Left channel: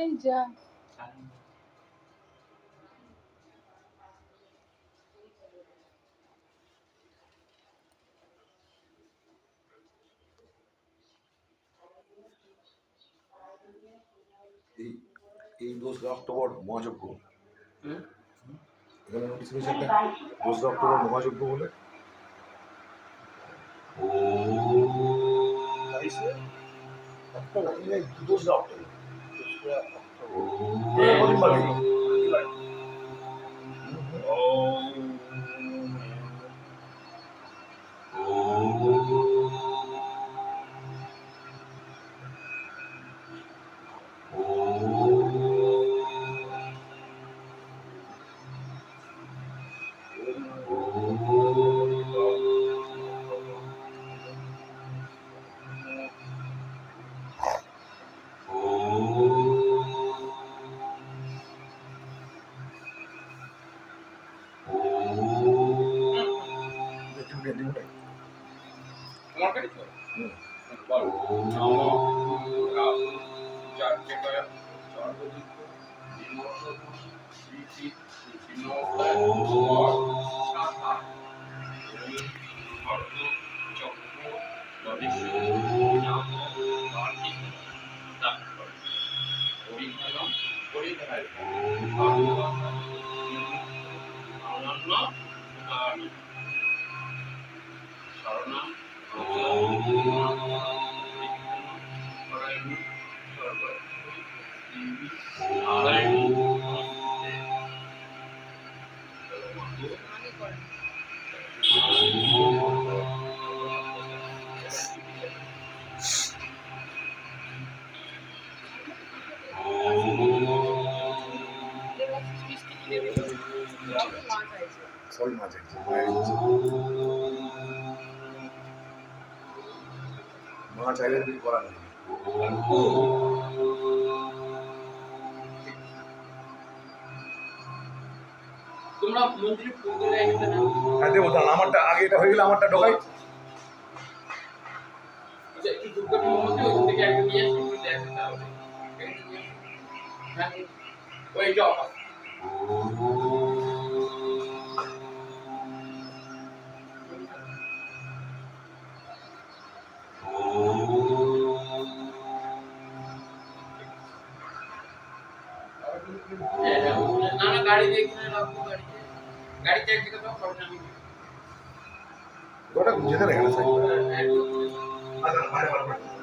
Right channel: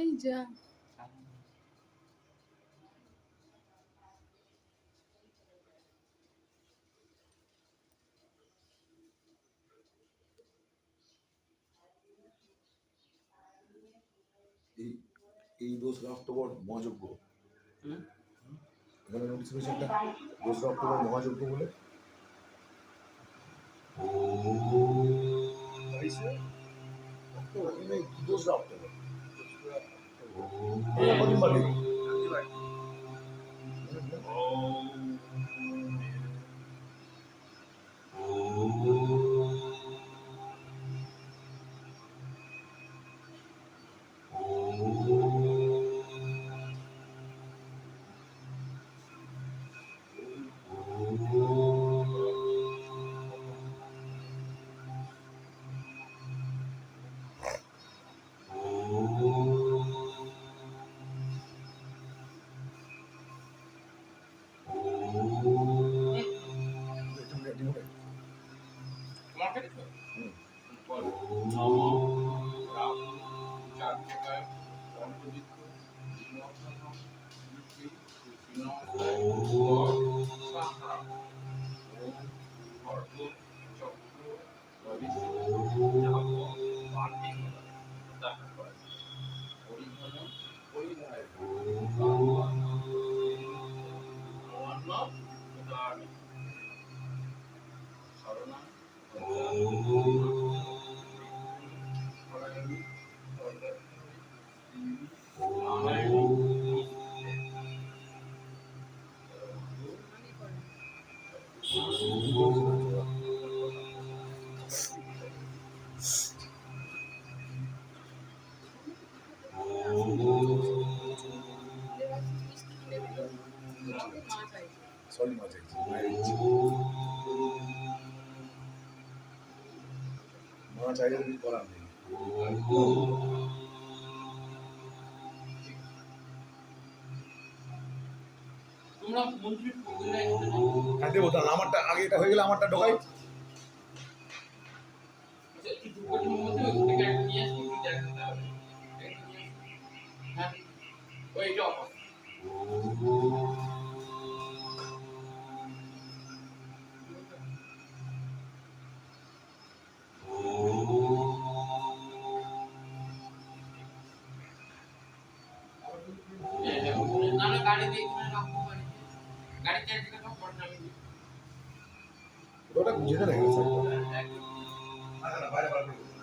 এই যা এই 2রা অক্টোবর মহাযজ্ঞ, এখানে নোটিস করেছেন না? 2রা অক্টোবর মহাযজ্ঞ বলে। অক্টোবর 2রা অক্টোবর সরি মাঝে মা চাইলে কিছু করার নেই। তোমরা মন্দিরে ফুল দিলে এখানে না? হ্যাঁ দেবো, তাহলে আমারটা আগে এটা হয়ে গেলে আমারটা ঢোকাই। আচ্ছা একটু ধূপকাঠি মোমবাতি ওইখান থেকে একটা নিয়ে আসি, একটু দেখেন তাহলে। হ্যাঁ ওইটা অফার। না না গাড়িতে এখানে রাখবো, গাড়িতে এক জায়গায় দাও, পরে আমি ওটা যেতে না কেন? একদম আচ্ছা বাইরে বার করে